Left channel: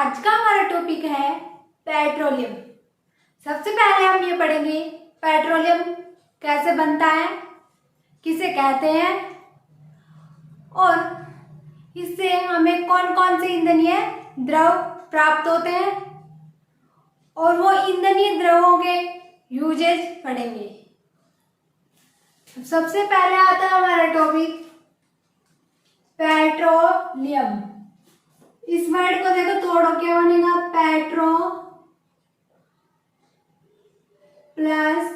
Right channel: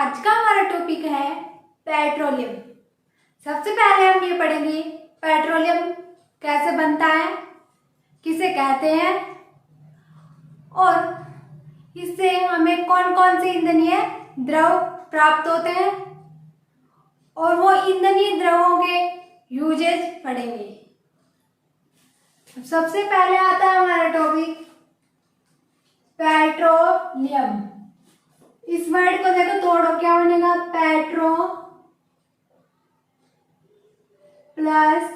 आज का हमारा टॉपिक है पेट्रोलियम। सबसे पहले हम ये पढ़ेंगे पेट्रोलियम कैसे बनता है, किसे कहते हैं और इससे हमें कौन कौन से ईंधनीय द्रव प्राप्त होते हैं और वो ईंधनीय द्रवों के यूजेज पढ़ेंगे। सबसे पहले आता है हमारा टॉपिक पेट्रोलियम। इस वर्ड को देखो, तोड़ो, क्या बनेगा? पेट्रो प्लस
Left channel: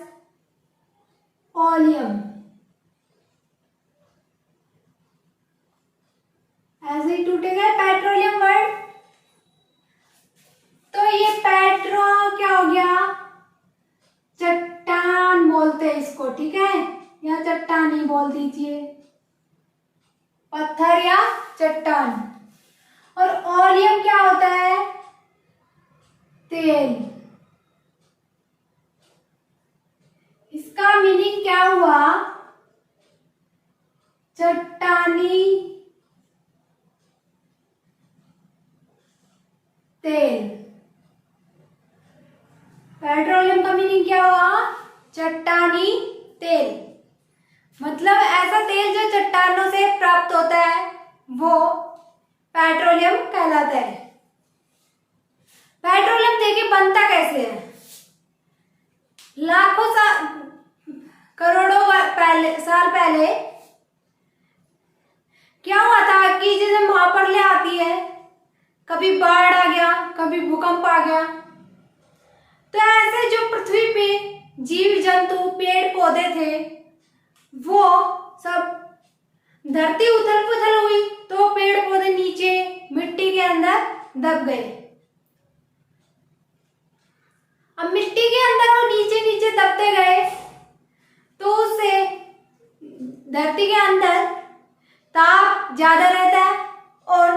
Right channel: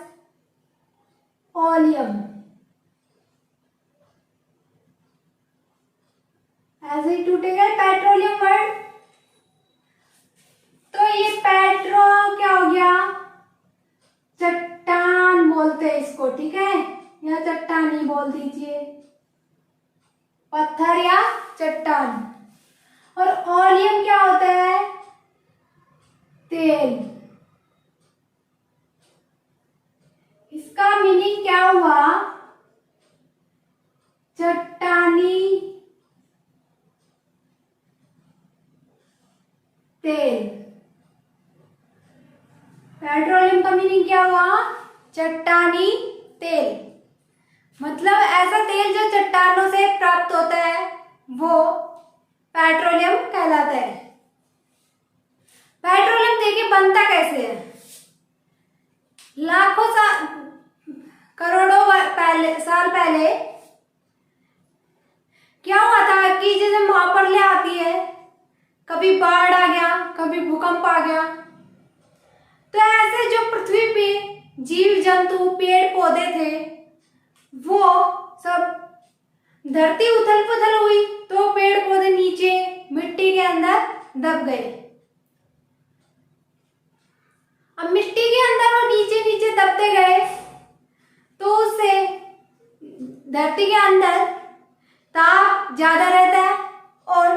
ओलियम, ऐसे ही टूटेगा पेट्रोलियम वर्ड। तो ये पेट्रो क्या हो गया? चट्टान बोलते हैं इसको, ठीक है? या चट्टान ही बोल दीजिए, पत्थर या चट्टान। और ओलियम क्या होता है? तेल। इसका मीनिंग क्या हुआ? चट्टानी तेल। पेट्रोलियम का मीनिंग क्या हुआ? चट्टानी तेल। मतलब ऐसा तेल जो चट्टानों से प्राप्त होता है वो पेट्रोलियम कहलाता है। पेट्रोलियम देखिए बनता कैसे है। लाखों करोड़ों साल पहले क्या हुआ था कि जैसे महाप्रलय आती है, कभी बाढ़ आ गया, कभी भूकंप आ गया, तो ऐसे जो पृथ्वी पे जीव जंतु पेड़ पौधे थे वो सब, धरती उथल पुथल हुई तो पेड़ पौधे नीचे मिट्टी के अंदर दब गए। अब मिट्टी के अंदर वो नीचे नीचे दबते गए तो उससे धरती के अंदर ताप ज्यादा रहता है और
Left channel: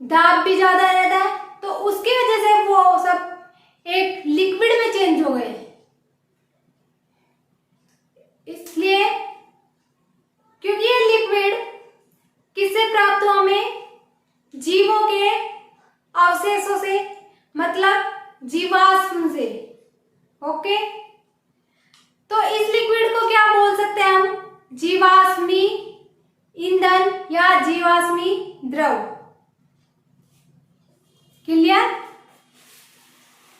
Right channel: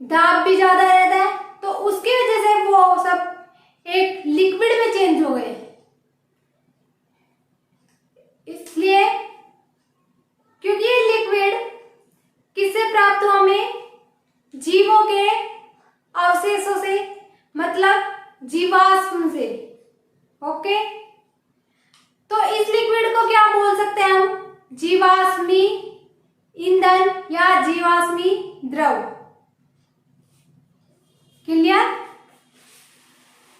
दाब भी ज्यादा रहता है, तो उसकी वजह से वो सब एक लिक्विड में चेंज हो गए। इसलिए क्योंकि ये लिक्विड किससे प्राप्त हुआ? हमें जीवों के अवशेषों से, मतलब जीवाश्म से। ओके, तो इस लिक्विड को क्या बोल सकते हैं हम? जीवाश्मी ईंधन या जीवाश्मी द्रव। क्लियर?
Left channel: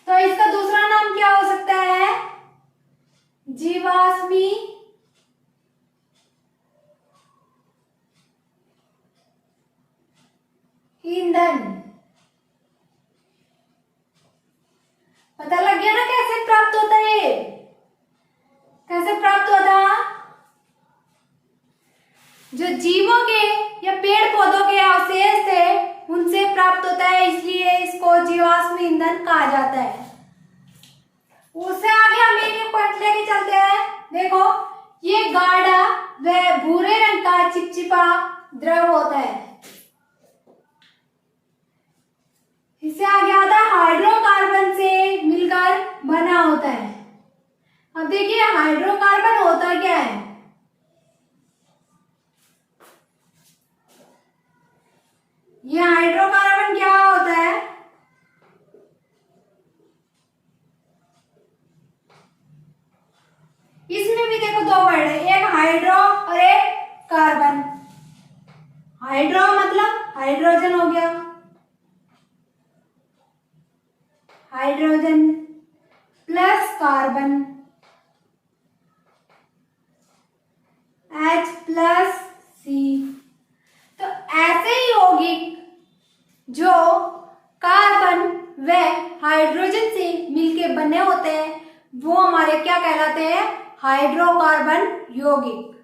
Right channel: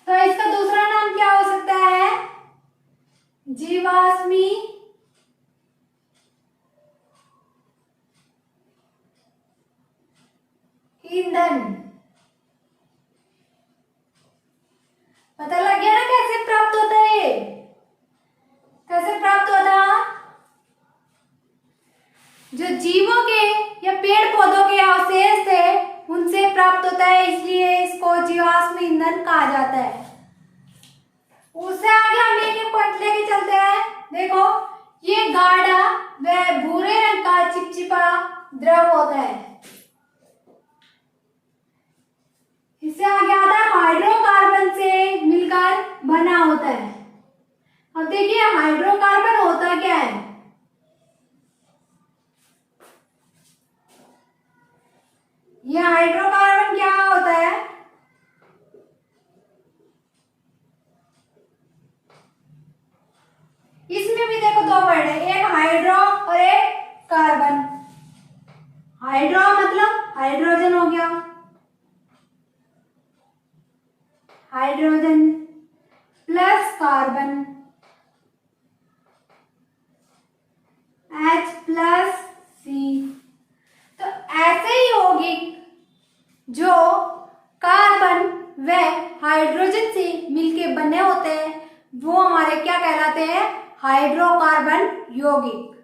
तो इसका दूसरा नाम क्या हो सकता है? जीवाश्मी ईंधन। पता लग गया ना कैसे प्राप्त होता है? कैसे प्राप्त होता? जो जीवों के या पेड़ पौधों के अवशेष थे उनसे प्राप्त होता है, इसलिए इसको जीवाश्म ईंधन कहा जाता है। उससे आगे हम एक पॉइंट लेके चलते हैं। देखो, ये गाढ़ा व भूरे रंग का चिपचिपा द्रव होता है। इससे आगे आता है हाइड्रोकार्बन से मिलकर बना होता है। अब देखिए हाइड्रोकार्बन होता क्या है? ये हाइड्रोकार्बन क्या होता है? इसमें भी देखो दो वर्ड है, एक हाइड्रो और एक कार्बन। हाइड्रो मतलब हाइड्रोजन हो गया, hydrogen plus carbon H plus C. तो ऐसे ही यौगिक जो कार्बन व हाइड्रोजन से मिलके बने होते हैं वो हमारे क्या कहलाते हैं? हाइड्रोकार्बन यौगिक।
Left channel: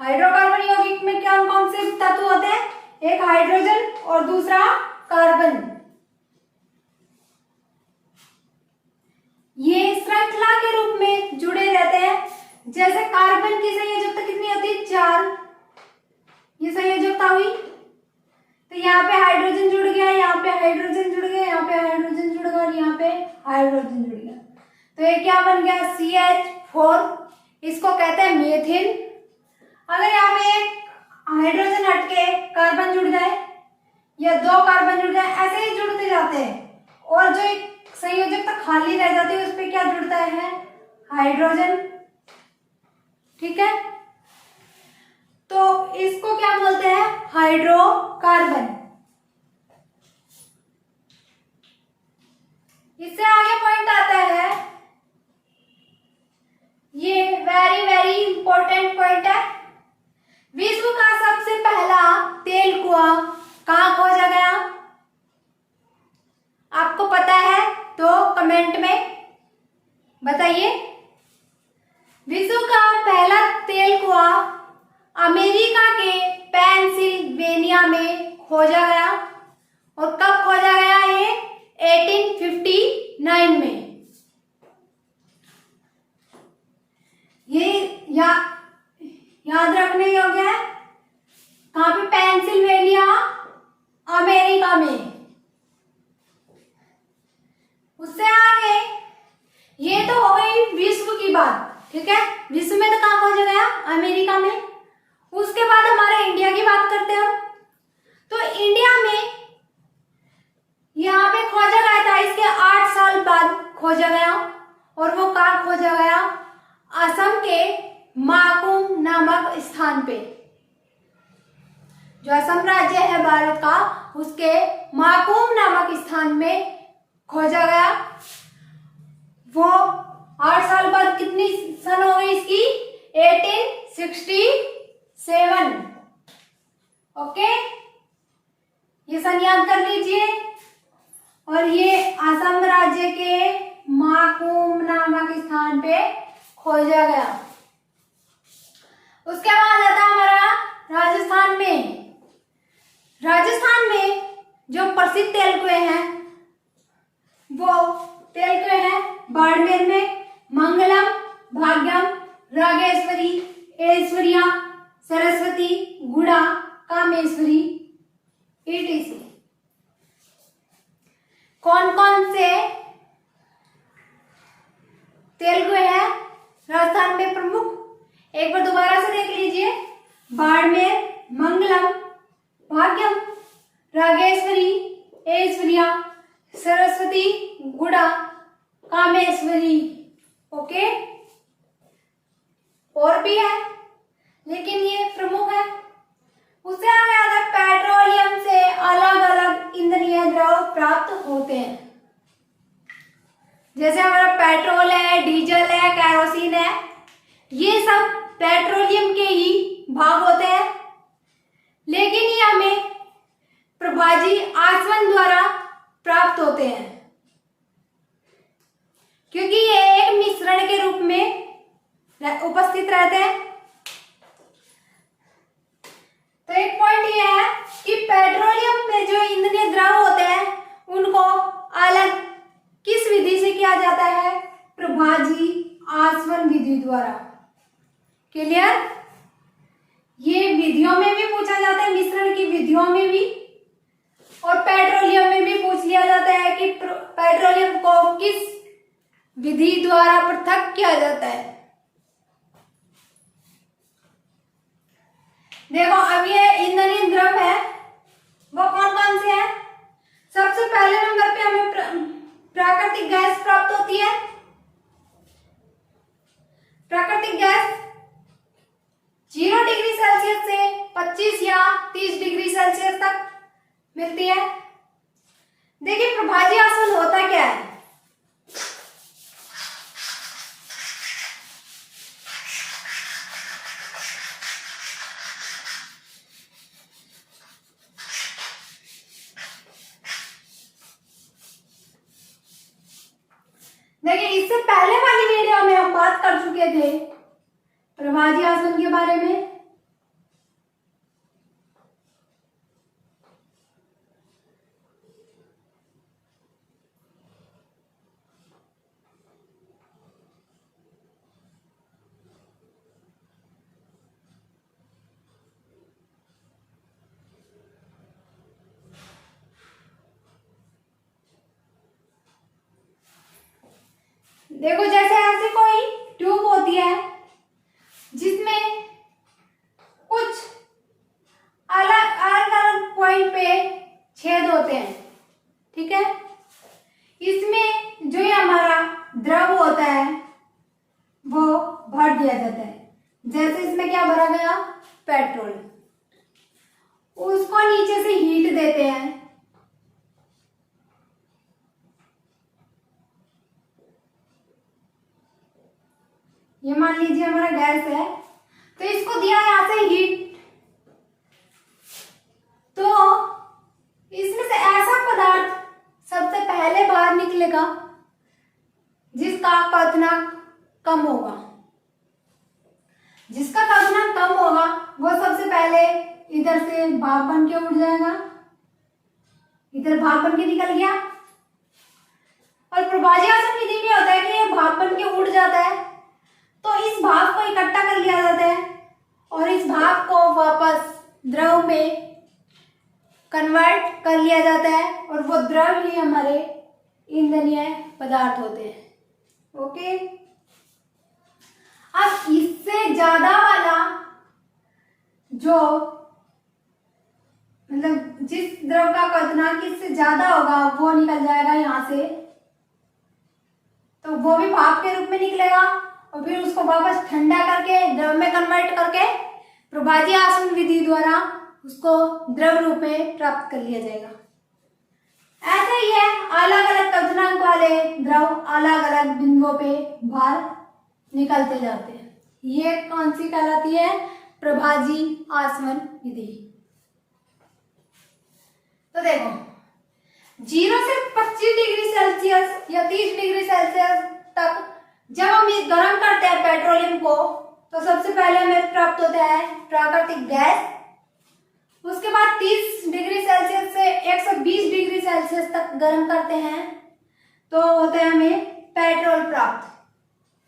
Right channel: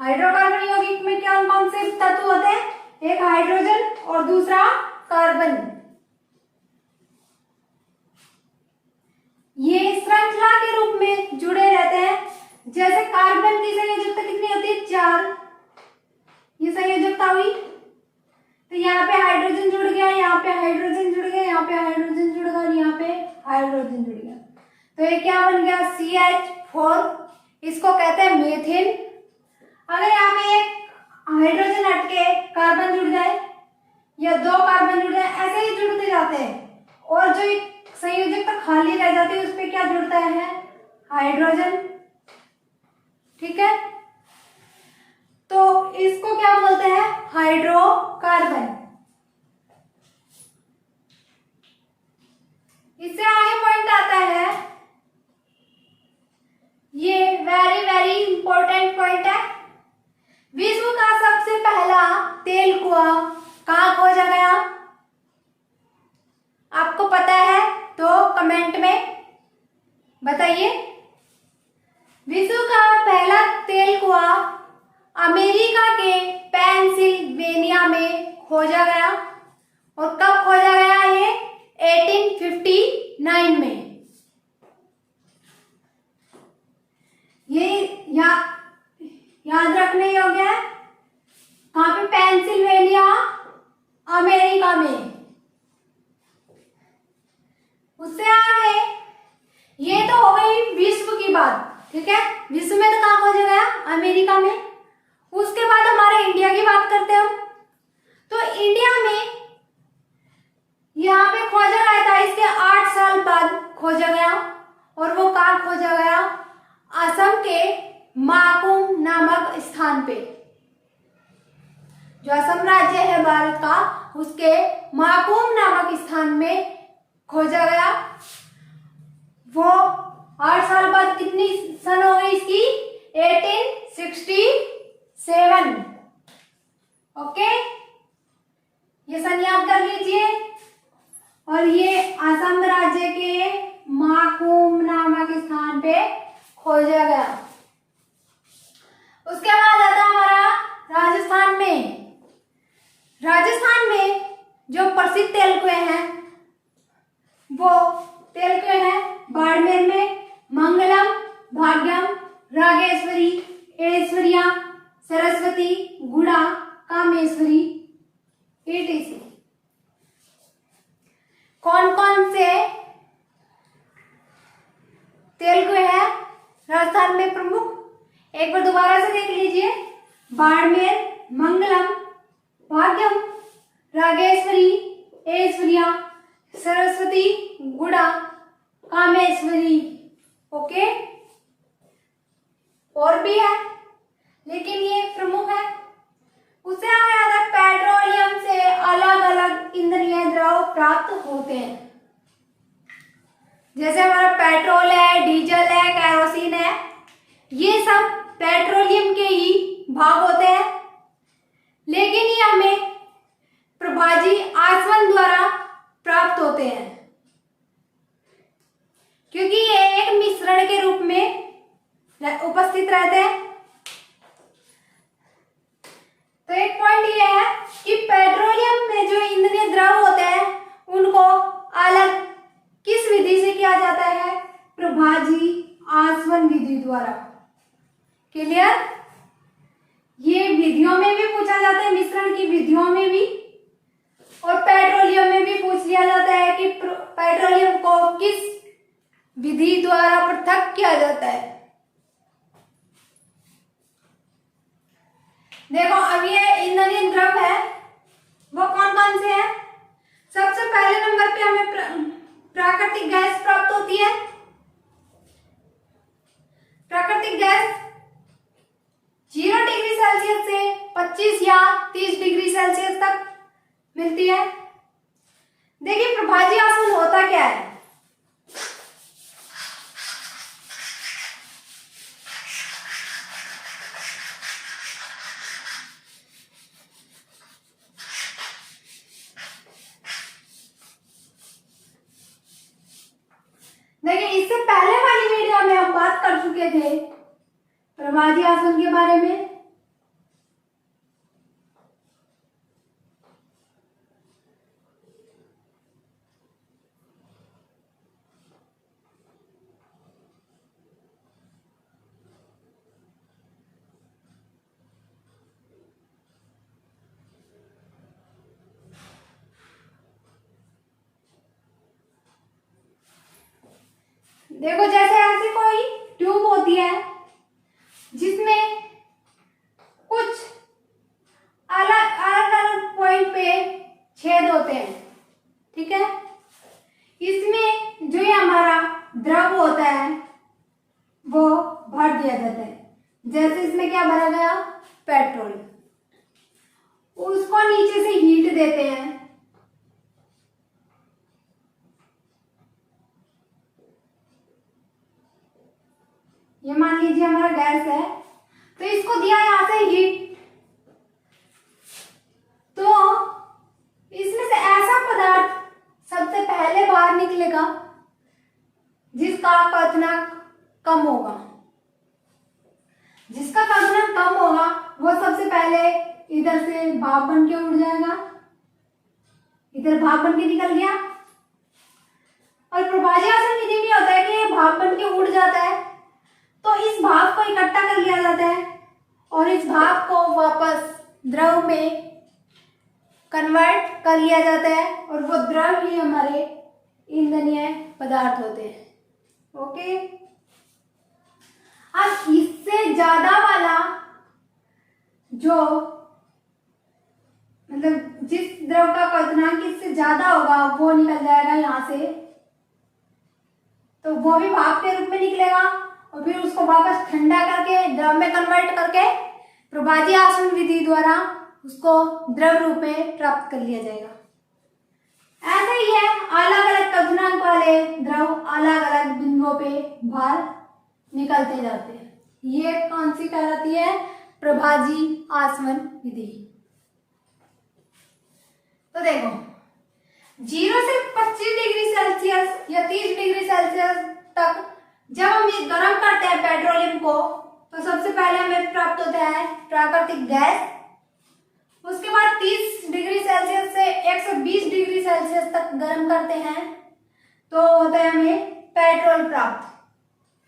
हाइड्रोकार्बन यौगिक में कौन कौन से तत्व होते हैं? एक हाइड्रोजन और दूसरा कार्बन। ये श्रृंखला के रूप में जुड़े रहते हैं। जैसे कार्बन की संयोजकता कितनी होती है? 4। ये संयोजकता हुई तो यहाँ पे हाइड्रोजन जुड़ गया, यहाँ पे हाइड्रोजन जुड़ गया, यहाँ पे हाइड्रोजन जुड़ गया और यहाँ पे हाइड्रोजन जुड़ गया। तो ये क्या बन गया? CH4। इसको कहते हैं मेथिन। अगर यहाँ पे एक हाइड्रोजन हटके कार्बन जुड़ जाए या दो कार्बन जुड़ जाए, ऐसे ही जुड़ते जाते हैं और जो एक संयोजकता खाली रह जाती है उस पर क्या जुड़ता है? हाइड्रोजन। ठीक है, तो इसको क्या बोलते हैं? हाइड्रोकार्बन। इससे आगे पॉइंट आता है, ये वेरी वेरी इंपॉर्टेंट पॉइंट है। विश्व का सबसे पहला तेल कुआं कहाँ खोजा गया? आपको पता है तो कमेंट में बताइए। विश्व का पहला तेल कुआं अमेरिका के पेंसिल्वेनिया में खोजा गया। और कब खोजा गया? ये 1859 में। ये याद रखने योग्य है। कहाँ पे? पेंसिल्वेनिया, अमेरिका में। उससे आगे ये तो हो गई विश्व की बात। ठीक है, विश्व में तो कहाँ खोजा गया? अमेरिका में। उसके बाद हमारे इंडिया की बात करते हैं हम। तो इंडिया में यहाँ पे खोजा गया था, इसके 8 साल बाद खोजा गया। और वो कहाँ खोजा गया? असम के माकुम नामक स्थान पे। जो असम राज्य है भारत का, उसके माकुम नामक स्थान में खोजा गया। वो 8 साल बाद कितनी सन हो गई इसकी? 1867। ओके, ये सन याद कर लीजिए। और ये असम राज्य के माकुम नामक स्थान पे खोजा गया। उसके बाद आता हमारा राजस्थान में। राजस्थान में जो प्रसिद्ध तेल कुएं हैं वो तेल कुएं हैं बाड़मेर में मंगलम, भाग्यम, रागेश्वरी, ऐश्वर्या, सरस्वती, गुड़ा, कामेश्वरी, etc। कौन कौन से तेल कुएं हैं राजस्थान में प्रमुख? एक बार दोबारा से देख लीजिए। बाड़मेर, मंगलम, भाग्यम, रागेश्वरी, ऐश्वर्या, सरस्वती, गुड़ा, कामेश्वरी। ओके, और भी है लेकिन ये प्रमुख है। उससे आगे आता है पेट्रोलियम से अलग अलग ईंधनीय द्रव प्राप्त होते हैं। जैसे हमारा पेट्रोल है, डीजल है, केरोसिन है, ये सब पेट्रोलियम के ही भाग होते हैं। लेकिन ये हमें प्रभाजी आसवन द्वारा प्राप्त होते हैं क्योंकि ये एक मिश्रण के रूप में उपस्थित रहते हैं। तो एक पॉइंट ये है कि पेट्रोलियम में जो ईंधनीय द्रव होते हैं उनको अलग किस विधि से किया जाता है? प्रभाजी आसवन विधि द्वारा। क्लियर? ये विधियों में भी पूछा जाता है, मिश्रण की विधियों में भी, और पेट्रोलियम में भी पूछ लिया जाता है कि पेट्रोलियम को किस विधि द्वारा पृथक किया जाता है। देखो, अब ये ईंधनीय द्रव है वो कौन कौन से हैं? सबसे पहले नंबर पे हमें प्राकृतिक गैस प्राप्त होती है। प्राकृतिक गैस 0 डिग्री सेल्सियस से 25 या 30 डिग्री सेल्सियस तक मिलती है। देखिए, प्रभाजी आसवन होता क्या है? देखिए, इससे पहले वाली वीडियो में हम बात कर चुके थे प्रभाजी आसवन के बारे में। देखो, जैसे ऐसे कोई ट्यूब होती है जिसमें कुछ अलग अलग अलग पॉइंट पे छेद होते हैं, ठीक है। इसमें जो ये हमारा द्रव होता है वो भर दिया जाता है। जैसे इसमें क्या भरा गया, पेट्रोल, उसको नीचे से हीट देते हैं, ये मान लीजिए हमारा गैस है, तो इसको दिया यहां से हीट, तो इसमें से ऐसा पदार्थ सबसे पहले बाहर निकलेगा जिसका क्वथनांक कम होगा। जिसका क्वथनांक कम होगा वो सबसे पहले इधर से भाप बन के उड़ जाएगा, इधर भाप बन के निकल गया। और प्रभाजी आसन विधि में होता है कि ये भाप बन के उड़ जाता है, तो इस भाप को इकट्ठा कर लिया जाता है और इस भाप को वापस द्रव में कन्वर्ट कर लिया जाता है और वो द्रव ही हमारे ईंधनीय पदार्थ होते हैं। ओके, अब इससे ज्यादा वाला जो मतलब जिस द्रव का क्वथनांक इससे ज्यादा होगा वो निकल जाएगा यहां से, तो वो भी भाप के रूप में निकलेगा और फिर उसको वापस ठंडा करके द्रव में कन्वर्ट करके प्रभाजी आसवन विधि द्वारा उसको द्रव रूप में प्राप्त कर लिया जाएगा। ऐसा ही है, अलग अलग क्वथनांक वाले द्रव अलग अलग बिंदुओं पे बाहर निकलते जाते हैं। ये कौन सी कहलाती है, प्रभाजी आसवन विधि। तो देखो 0 से 25 डिग्री सेल्सियस या 30 डिग्री सेल्सियस तक जब हम ये गर्म करते हैं पेट्रोलियम को, तो सबसे पहले हमें प्राप्त होता है प्राकृतिक गैस। उसके बाद 30 डिग्री सेल्सियस से 120 डिग्री सेल्सियस तक गर्म करते हैं तो होता है हमें पेट्रोल प्राप्त।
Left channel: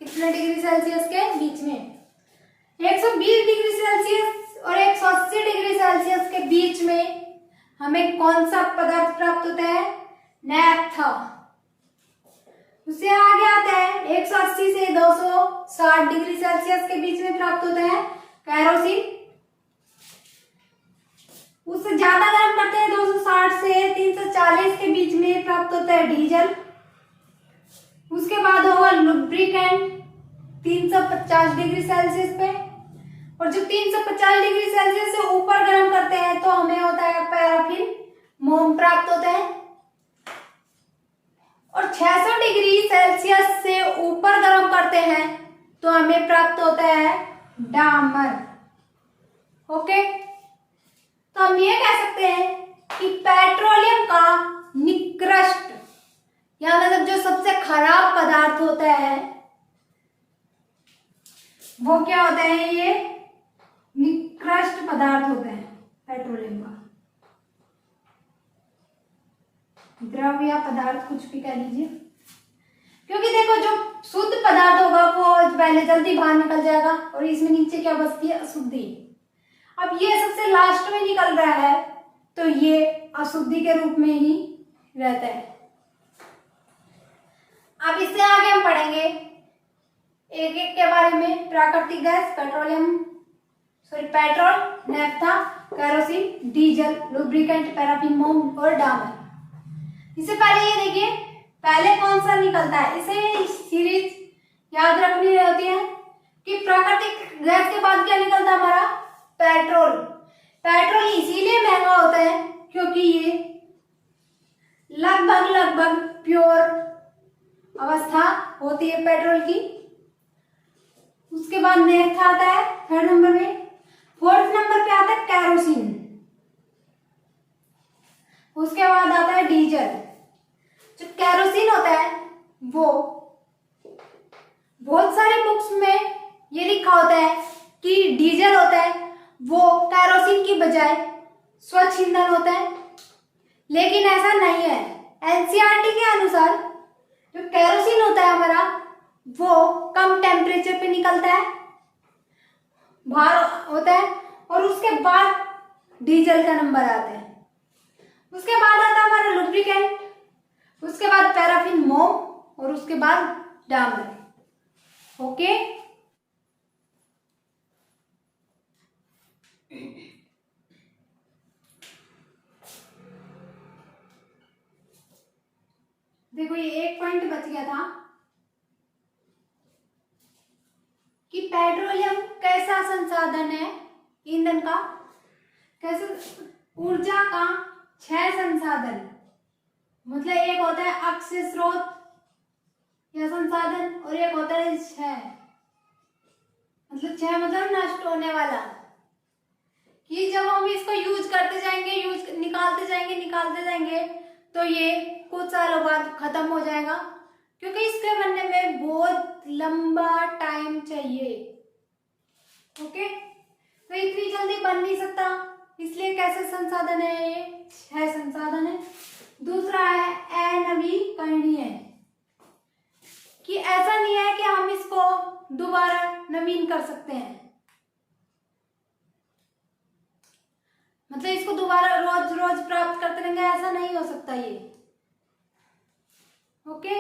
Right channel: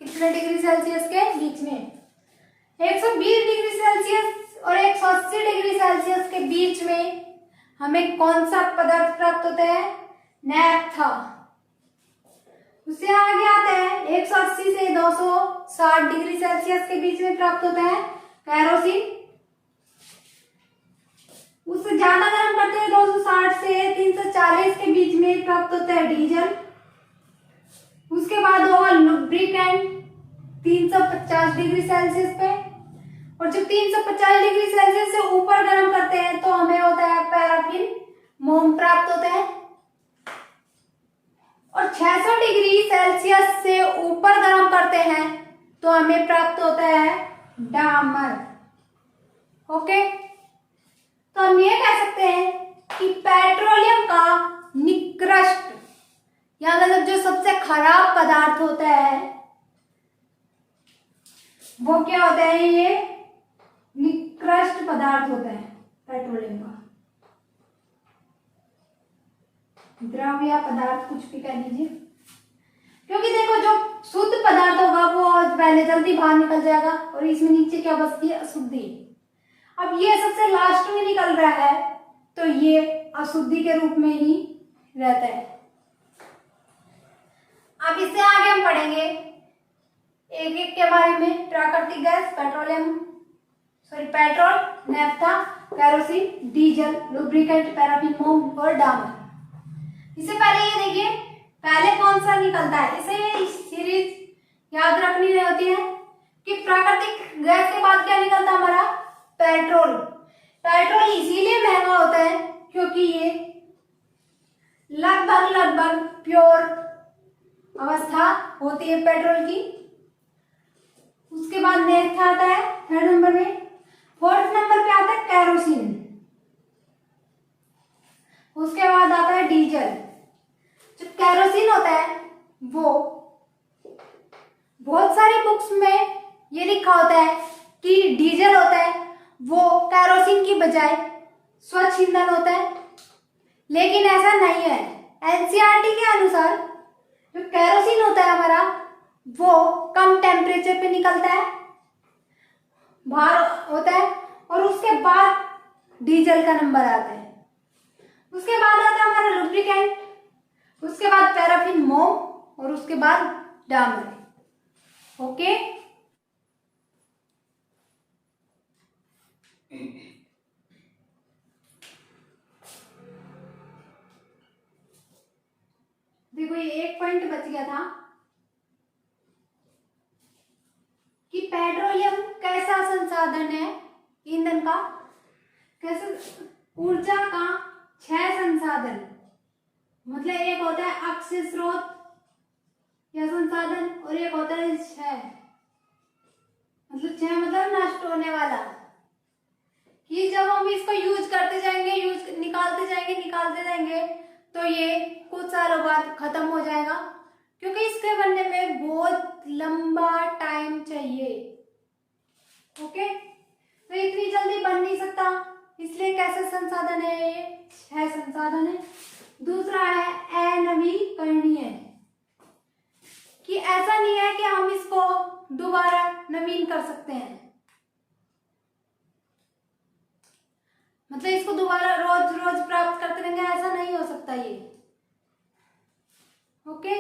कितने डिग्री सेल्सियस के बीच में, 120 डिग्री सेल्सियस और 180 डिग्री सेल्सियस के बीच में हमें कौन सा पदार्थ प्राप्त होता है, नैप्था। उससे आगे आता है 180 से 260 डिग्री सेल्सियस के बीच में प्राप्त होता है कैरोसिन। उससे ज्यादा गर्म करते हैं 260 से 340 के बीच में प्राप्त होता है डीजल। उसके बाद होगा लुब्रिकेंट 350 डिग्री सेल्सियस पे, और जब 350 डिग्री सेल्सियस से ऊपर गर्म करते हैं तो हमें होता है पैराफिन मोम प्राप्त होता है। और 600 डिग्री सेल्सियस से ऊपर गर्म करते हैं तो हमें प्राप्त होता है डामर। ओके, तो हम ये कह सकते हैं कि पेट्रोलियम का निकृष्ट या मतलब जो सबसे खराब पदार्थ होता है वो क्या होता है, ये निकृष्ट पदार्थ होता है पेट्रोलियम का। द्रव या पदार्थ कुछ भी कह लीजिए, क्योंकि देखो जो शुद्ध पदार्थ होगा वो पहले जल्दी बाहर निकल जाएगा और इसमें नीचे क्या बचती है, अशुद्धि। अब ये सबसे लास्ट में निकल रहा है तो ये अशुद्धि के रूप में ही रहता है। अब इससे आगे हम पढ़ेंगे एक एक के बारे में, प्राकृतिक gas, petrol, naphtha, kerosene, diesel, lubricant, paraffin मोम और डामर। इससे पहले ये देखिए पहले कौन सा निकलता है, इसे सीरीज याद रखनी होती है कि प्राकृतिक गैस के बाद क्या निकलता है हमारा, पेट्रोल। पेट्रोल इसीलिए महंगा होता है क्योंकि ये लगभग प्योर अवस्था होती है पेट्रोल की। उसके बाद नेफ्था आता है थर्ड नंबर में। फोर्थ नंबर पे आता है कैरोसिन। उसके बाद आता है डीजल। जो कैरोसिन होता है वो बहुत सारी बुक्स में ये लिखा होता है कि डीजल होता है वो कैरोसिन की बजाय स्वच्छ ईंधन होता है, लेकिन ऐसा नहीं है। एनसीईआरटी के अनुसार जो कैरोसिन होता है हमारा वो कम टेम्परेचर पे निकलता है, बाहर होता है, और उसके बाद डीजल का नंबर आता है। उसके बाद आता है हमारा लुब्रिकेंट, उसके बाद पैराफिन मोम और उसके बाद डामर। ओके, देखो ये एक पॉइंट बच गया था कि पेट्रोलियम कैसा संसाधन है ईंधन का, कैसे ऊर्जा का 6 संसाधन, मतलब एक होता है अक्षय स्रोत या संसाधन और एक होता है 6, मतलब 6 मतलब नष्ट होने वाला, कि जब हम इसको यूज करते जाएंगे, निकालते जाएंगे तो ये कुछ सालों बाद खत्म हो जाएगा, क्योंकि इसके बनने में बहुत लंबा टाइम चाहिए। ओके, तो इतनी जल्दी बन नहीं सकता, इसलिए कैसे संसाधन है ये 6 संसाधन है। दूसरा है अनवीकरणीय, कि ऐसा नहीं है कि हम इसको दोबारा नवीन कर सकते हैं, मतलब इसको दोबारा रोज रोज प्राप्त करते रहेंगे, ऐसा नहीं हो सकता ये। ओके,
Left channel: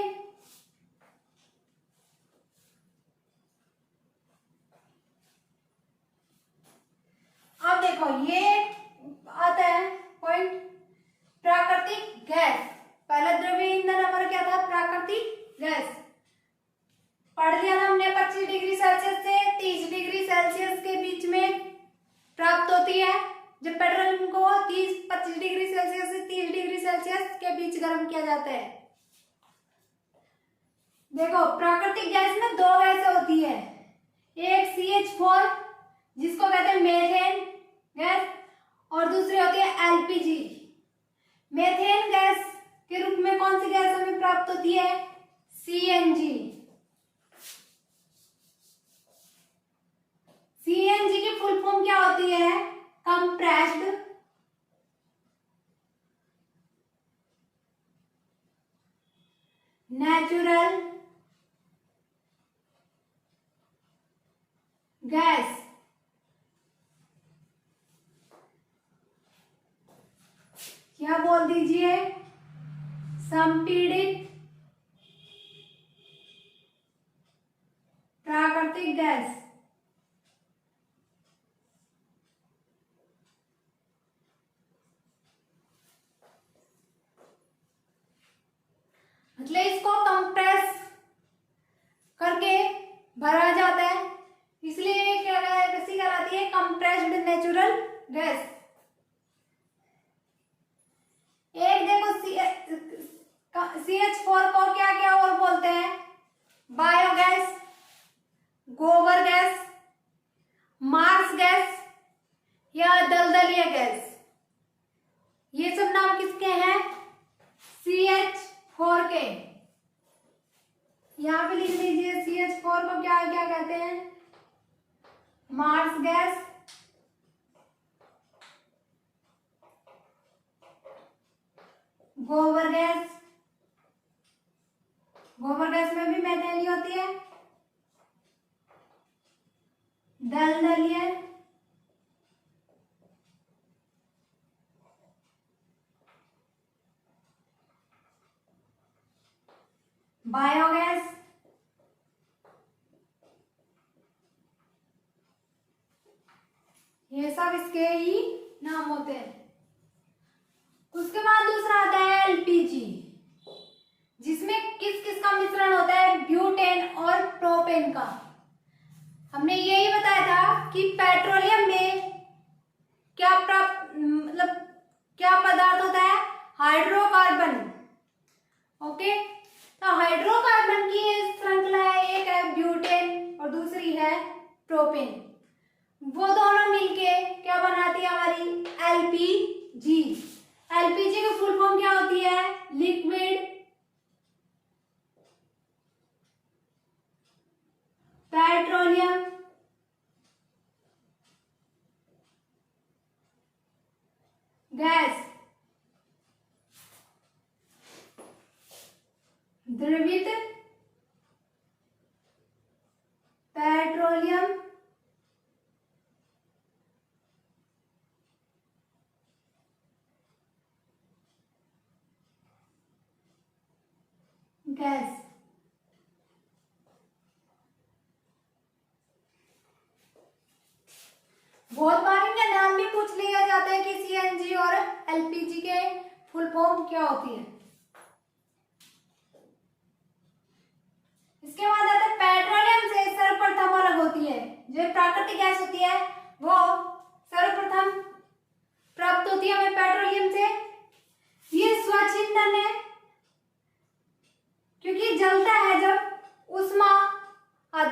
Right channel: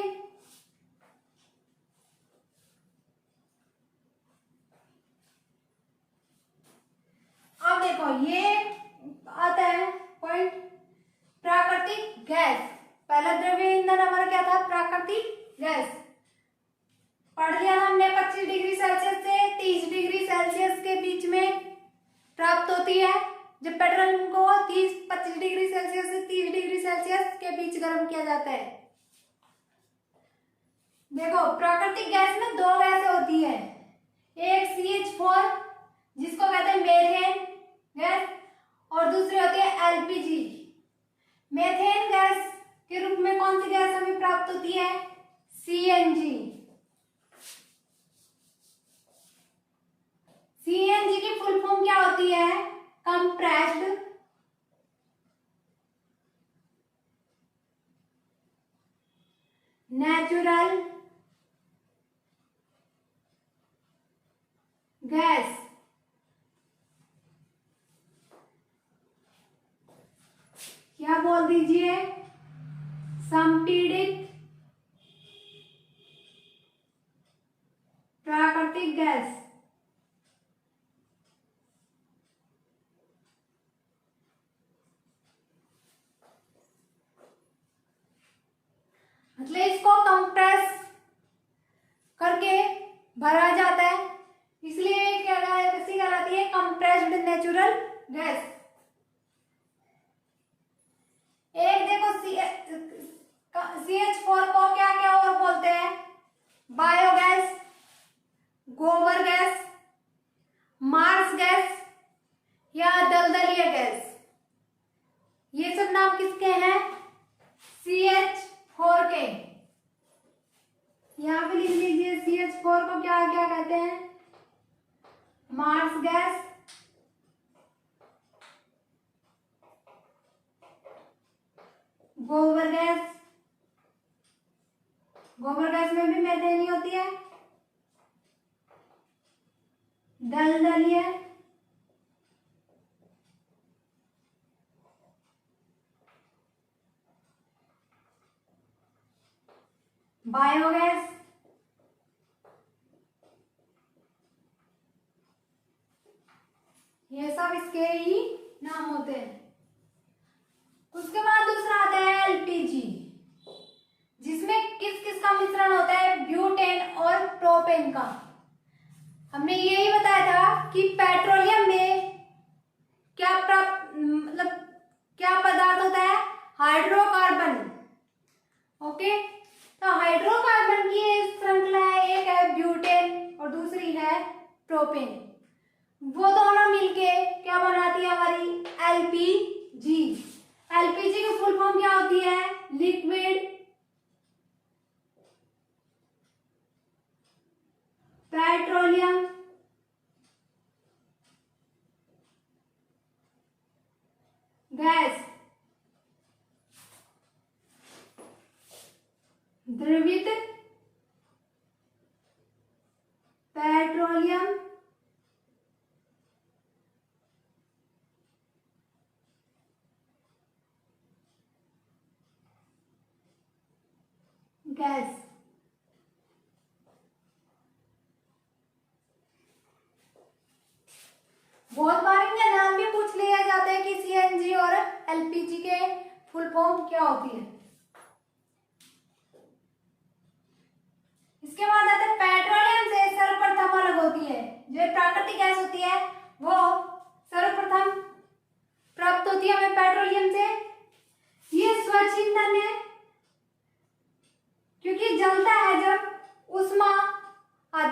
अब देखो ये आता है पॉइंट प्राकृतिक गैस। पहला द्रव्य ईंधन हमारा क्या था? प्राकृतिक गैस। पढ़ लिया हमने 25 डिग्री सेल्सियस से 30 डिग्री सेल्सियस के बीच में प्राप्त होती है। जब पेट्रोलियम को 25 डिग्री सेल्सियस से 30 डिग्री सेल्सियस के बीच गर्म किया जाता है। देखो प्राकृतिक गैस में 2 गैसें होती है, एक CH4 जिसको कहते हैं मेथेन गैस और दूसरी होती है LPG। मेथेन गैस के रूप में कौन सी गैस हमें प्राप्त होती है? CNG। CNG की फुल फॉर्म क्या होती है? Compressed natural gas. क्या बोल दीजिए? संपीड़ित प्राकृतिक गैस। मतलब इसको कंप्रेस करके भरा जाता है, इसलिए क्या कैसी कहलाती है? Compressed natural gas. एक देखो CH4 को क्या क्या और बोलते हैं? बायोगैस, गोबर गैस, मार्स गैस या दलदलीय गैस। ये सब नाम किसके हैं? CH4 के। यहां पे लिख लीजिए CH4 को क्या क्या कहते हैं? मार्स गैस, गोबर गैस। गोबर गैस में भी मेथेन ही होती है। दलदलीय, बायोगैस, ये सब इसके ही नाम होते हैं। उसके बाद दूसरा आता है LPG, जिसमें किस किस का मिश्रण होता है? ब्यूटेन और प्रोपेन का। हमने यही बताया था कि पेट्रोलियम में क्या प्राप्त मतलब क्या पदार्थ होता है? हाइड्रोकार्बन। ओके, तो हाइड्रोकार्बन की श्रृंखला है, एक है ब्यूटेन और दूसरी है प्रोपेन। वो दोनों मिलके क्या बनाती है? हमारी LPG। LPG की फुल फॉर्म क्या होती है? Liquid petroleum gas. द्रवित पेट्रोलियम गैस। बहुत बार इनका नाम भी पूछ लिया जाता है कि CNG और LPG के फुल फॉर्म क्या होती है।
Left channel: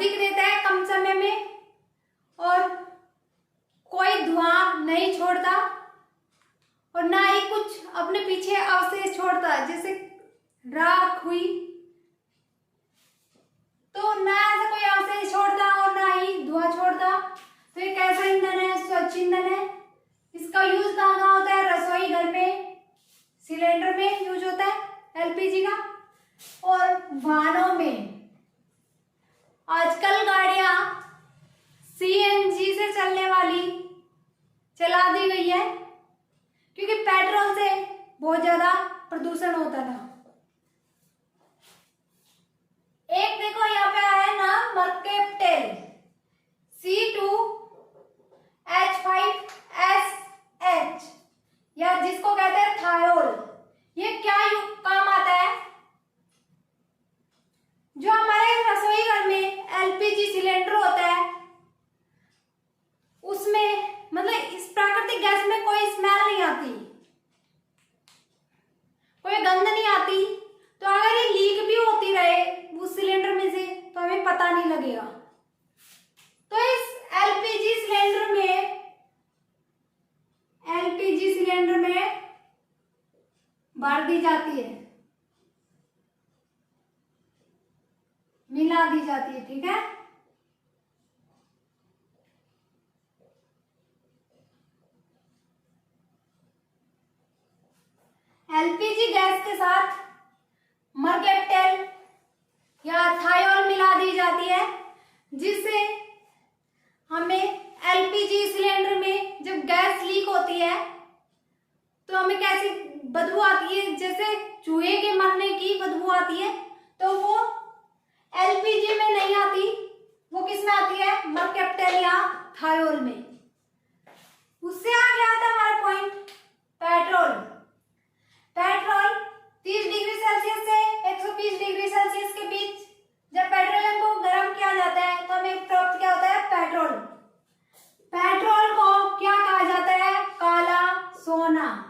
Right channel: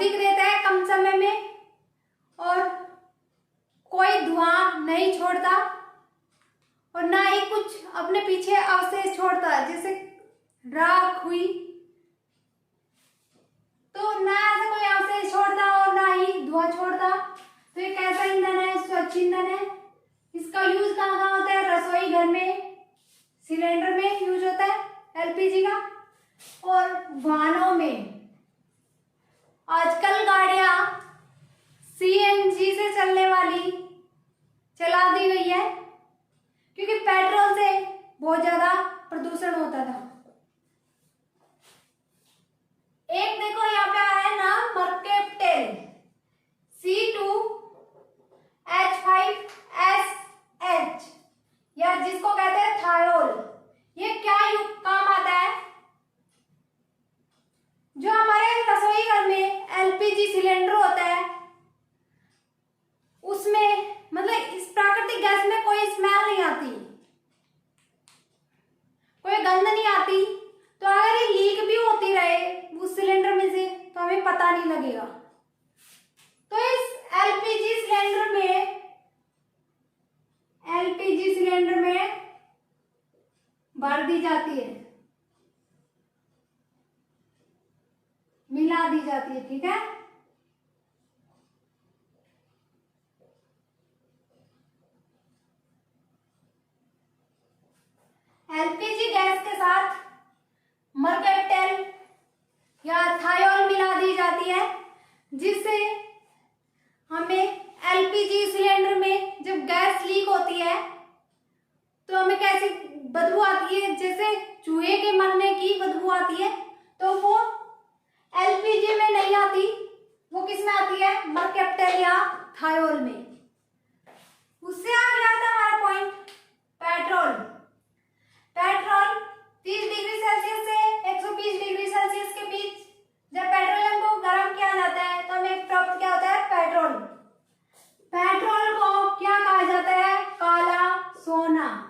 अधिक रहता है कम समय में और कोई धुआं नहीं छोड़ता और ना ही कुछ अपने पीछे अवशेष छोड़ता, जैसे राख हुई तो ना ऐसा कोई अवशेष छोड़ता और ना ही धुआं छोड़ता। तो ये कैसा ईंधन है? स्वच्छ ईंधन है। इसका यूज कहाँ कहाँ होता है? रसोई घर में सिलेंडर में यूज होता है एलपीजी का, और वाहनों में आजकल गाड़ियां सीएनजी से चलने वाली चला दी गई है, क्योंकि पेट्रोल से बहुत ज्यादा प्रदूषण होता था। एक देखो यहाँ पे है ना मर्केप्टेल C2H5SH, या जिसको कहते हैं थायोल। ये क्या काम आता है? जो हमारे रसोई घर में एलपीजी सिलेंडर होता है उसमें मतलब इस प्राकृतिक गैस में कोई स्मेल नहीं आती, कोई गंध नहीं आती। तो अगर ये लीक भी होती रहे उस सिलेंडर में से तो हमें पता नहीं लगेगा। तो इस एलपीजी सिलेंडर में भर दी जाती है, मिला दी जाती है, ठीक है। एलपीजी गैस के साथ मर्केप्टेल या थायोल मिला दी जाती है, जिससे हमें एलपीजी सिलेंडर में जब गैस लीक होती है तो हमें कैसी बदबू आती है, जैसे चूहे के मरने की बदबू आती है, तो वो एलपीजी में नहीं आती, वो किस में आती है? मर्केप्टेल या थायोल में। उससे आगे आता है हमारा point petrol. Petrol 30 degree Celsius से 120 डिग्री सेल्सियस के बीच जब पेट्रोलियम को गर्म किया जाता है तो हमें प्राप्त क्या होता है? पेट्रोल। पेट्रोल को क्या कहा जाता है? काला सोना।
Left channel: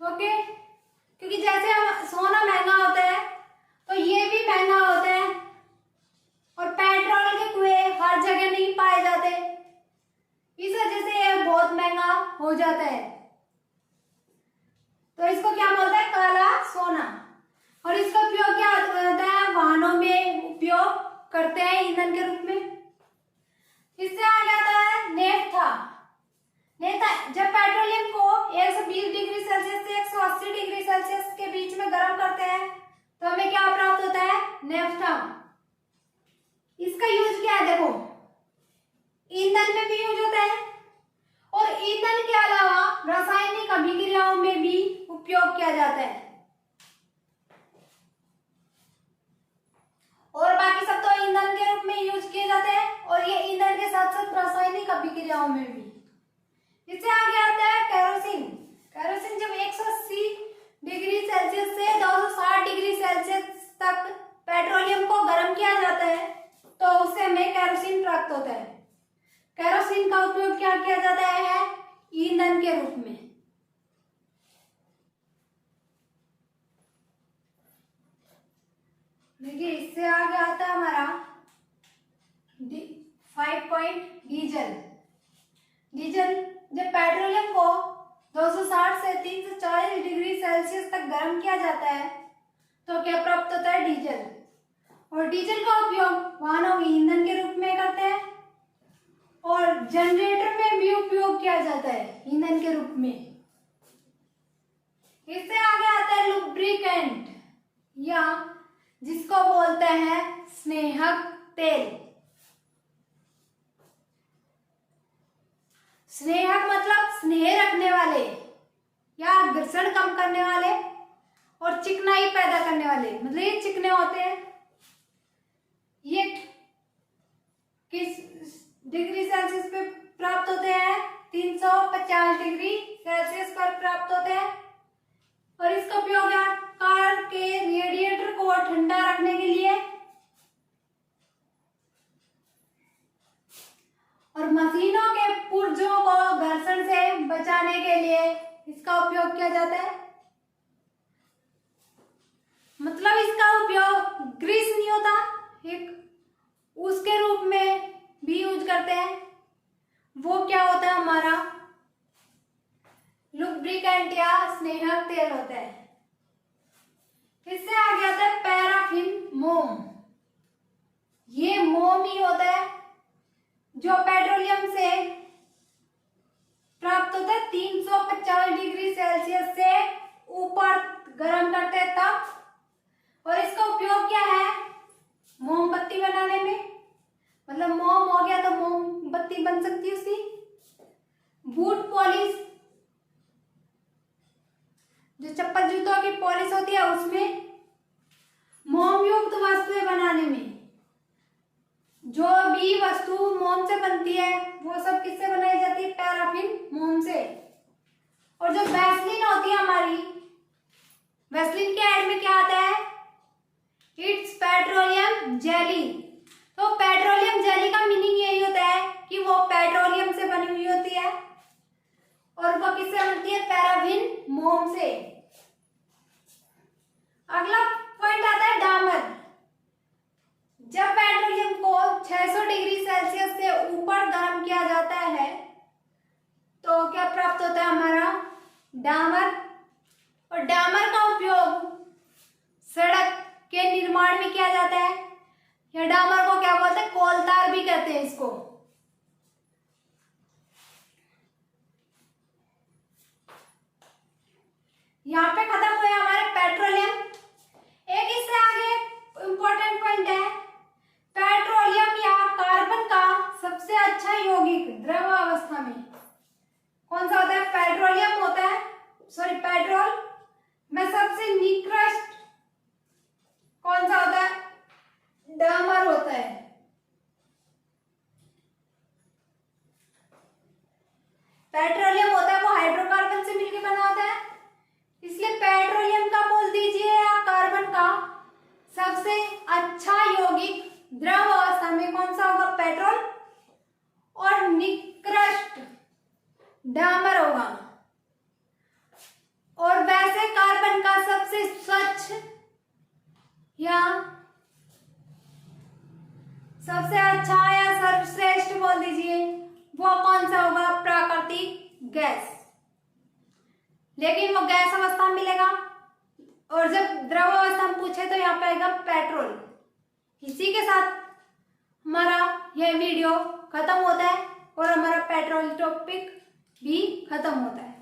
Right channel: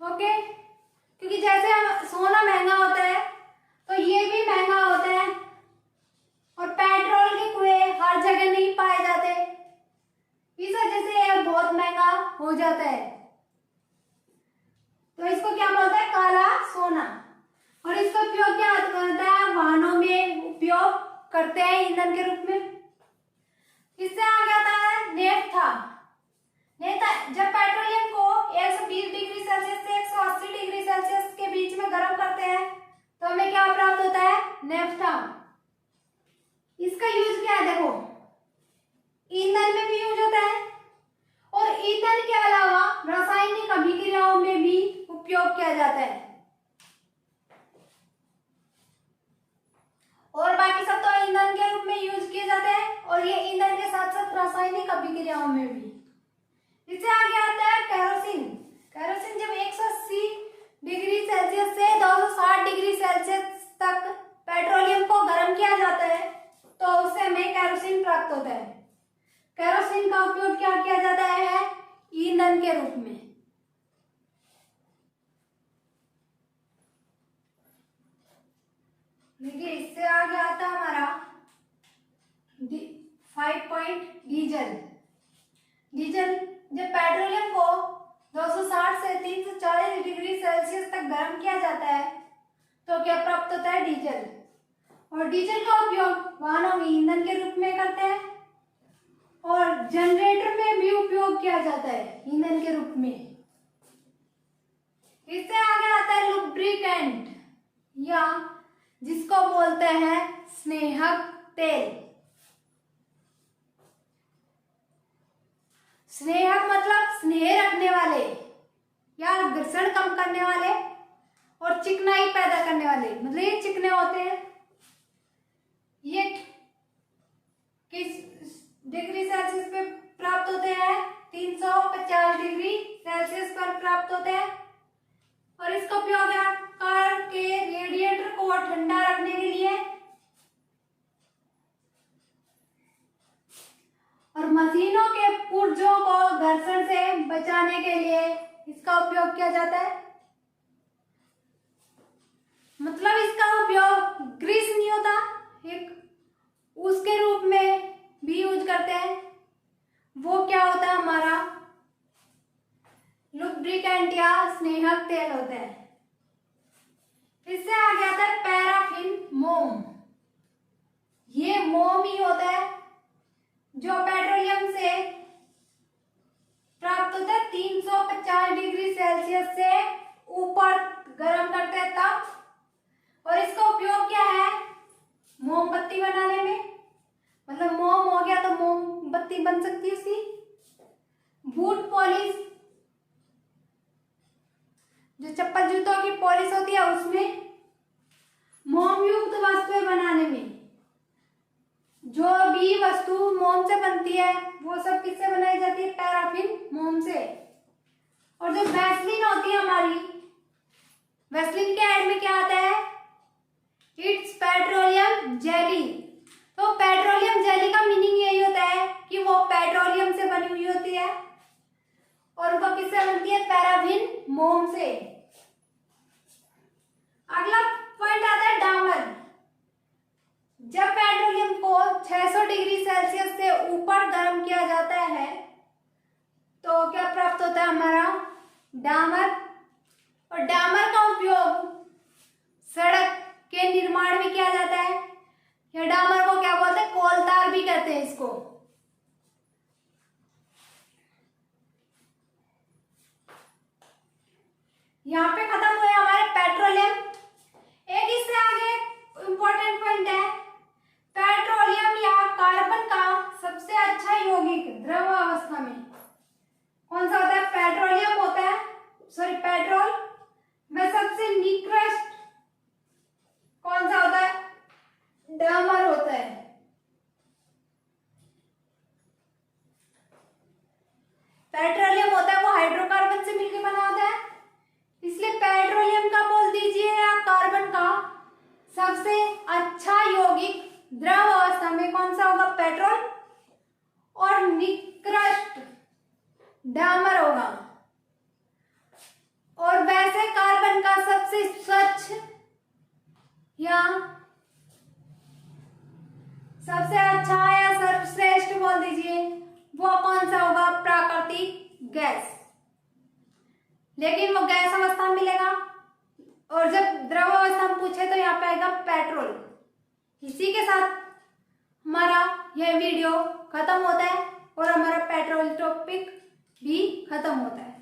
ओके, क्योंकि जैसे हम सोना महंगा होता है तो ये भी महंगा होता है, और पेट्रोल के कुएं हर जगह नहीं पाए जाते, इस वजह से यह बहुत महंगा हो जाता है। तो इसको क्या बोलते हैं? काला सोना। और इसका उपयोग क्या होता है? वाहनों में उपयोग करते हैं ईंधन के रूप में। इससे आगे आता है नेफ्था। जब पेट्रोलियम को 120 डिग्री सेल्सियस से 180 डिग्री सेल्सियस के बीच में गर्म करते हैं तो हमें क्या प्राप्त होता है? नेफ्था। इसका यूज क्या है? देखो, ईंधन में भी यूज होता है और ईंधन के अलावा रासायनिक अभिक्रियाओं में भी उपयोग किया जाता है। और बाकी सब तो ईंधन के रूप में यूज किए जाते हैं, और ये ईंधन के साथ साथ रासायनिक अभिक्रियाओं में भी। इससे आगे आता है केरोसिन। केरोसिन जब 180 डिग्री सेल्सियस से 260 डिग्री सेल्सियस तक पेट्रोलियम को गर्म किया जाता है तो उससे हमें केरोसिन प्राप्त होता है। केरोसिन का उपयोग क्या किया जाता है? ईंधन के रूप में। देखिए, इससे आगे आता है हमारा 5 पॉइंट डीजल। डीजल जब पेट्रोलियम को 260 से 340 डिग्री सेल्सियस तक गर्म किया जाता है तो क्या प्राप्त होता है? डीजल। और डीजल का उपयोग वाहनों में ईंधन के रूप में करते हैं और जनरेटर में भी उपयोग किया जाता है ईंधन के रूप में। इससे आगे आता है लुब्रिकेंट, या जिसको बोलते हैं स्नेहक तेल। स्नेहक मतलब स्नेह रखने वाले या घर्षण कम करने वाले और चिकनाई पैदा करने वाले, मतलब ये चिकने होते हैं। ये किस डिग्री सेल्सियस पे प्राप्त होते हैं? 350 डिग्री सेल्सियस पर प्राप्त होते हैं। और इसका उपयोग कार के रेडिएटर को ठंडा रखने के लिए और मशीनों के पुर्जों को घर्षण से बचाने के लिए इसका उपयोग किया जाता है। ग्रीस नहीं होता एक, उसके रूप में भी यूज करते हैं। वो क्या होता है हमारा लुब्रिकेंट या स्नेहक तेल होता है। इससे आगे आता है पैराफिन मोम। ये मोम ही होता है जो पेट्रोलियम से प्राप्त होता है 350 डिग्री सेल्सियस से ऊपर गर्म करते हैं तब। और इसका उपयोग क्या है मोमबत्ती बनाने में, मतलब मोम हो गया तो मोमबत्ती बन सकती है उसकी। बूट पॉलिश, जो चप्पल जूतों की पॉलिश होती है उसमें, मोम युक्त वस्तुएं बनाने में, जो भी वस्तु मोम से बनती है वो सब किससे बनाई जाती है पैराफिन मोम से। और जो वैसलीन होती है हमारी, वैसलीन के ऐड में क्या आता है इट्स पेट्रोलियम जेली। तो पेट्रोलियम जेली का मीनिंग यही होता है कि वो पेट्रोलियम से बनी हुई होती है और वो किससे बनती है पैराफिन मोम से। अगला पॉइंट आता है डामर। जब पेट्रोलियम को 600 डिग्री सेल्सियस से ऊपर गर्म किया जाता है तो क्या प्राप्त होता है हमारा डामर। और डामर का उपयोग सड़क के निर्माण में किया जाता है। या डामर को क्या बोलते हैं कोलतार भी कहते हैं इसको। यहाँ पे खत्म हुए हमारे पेट्रोलियम। एक इससे आगे इंपॉर्टेंट पॉइंट है पेट्रोलियम या कार्बन का सबसे अच्छा यौगिक द्रव अवस्था में कौन सा होता है। पेट्रोलियम होता है, सॉरी पेट्रोल में सबसे निकृष्ट कौन सा होता है डामर होता है। पेट्रोलियम होता है वो हाइड्रोकार्बन से मिलकर बना होता है, इसलिए पेट्रोलियम का बोल दीजिए या कार्बन का सबसे अच्छा यौगिक द्रव अवस्था में कौन सा होगा पेट्रोल, और निकृष्ट डामर होगा। और वैसे कार्बन का सबसे स्वच्छ या सबसे अच्छा या सर्वश्रेष्ठ बोल दीजिए वो कौन सा होगा प्राकृतिक गैस। लेकिन वो गैस अवस्था में मिलेगा और जब द्रव अवस्था में पूछे तो यहाँ पे आएगा पेट्रोल। इसी के साथ हमारा यह वीडियो खत्म होता है और हमारा पेट्रोल टॉपिक भी खत्म होता है।